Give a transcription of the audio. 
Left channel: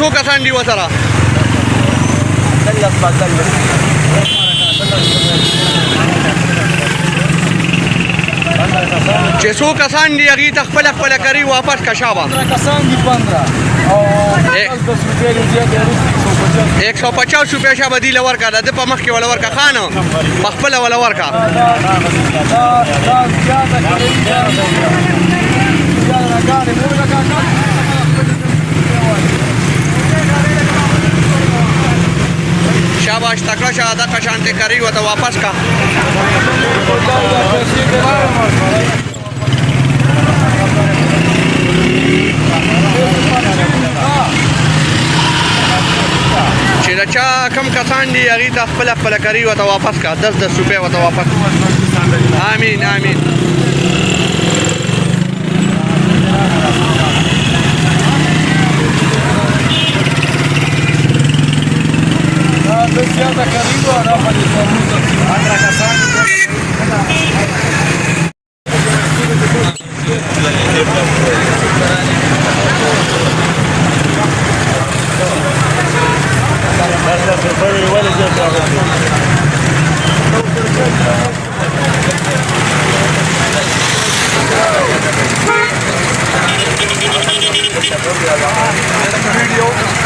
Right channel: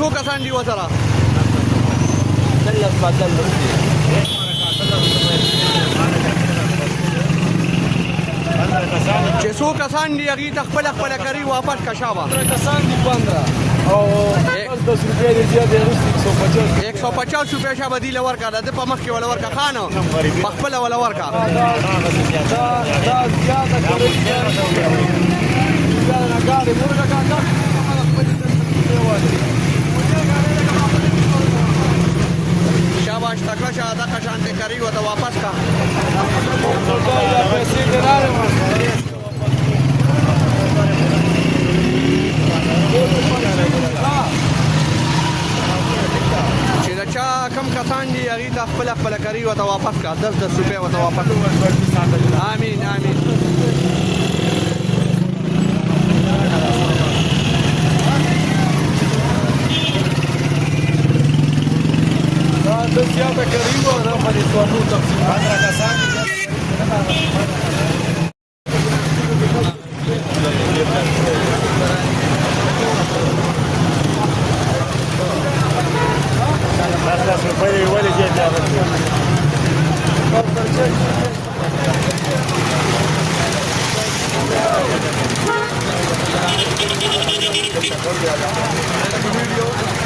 څو کسان دي وسره چې څو کسان دي هغې ته خپله کری واپس که شابه 150 روپیا شابه دی له ورکړه د ده په مخ کې وله ورکړه خانه په خپله وله ورکړه شاباش تکړه شه دغه شانتې کری ورته واپس کړه چې د چا کم کسان دي هغې ته خپله کری ورته واپس کړه 10 روپۍ ورته واپس آمین آمین video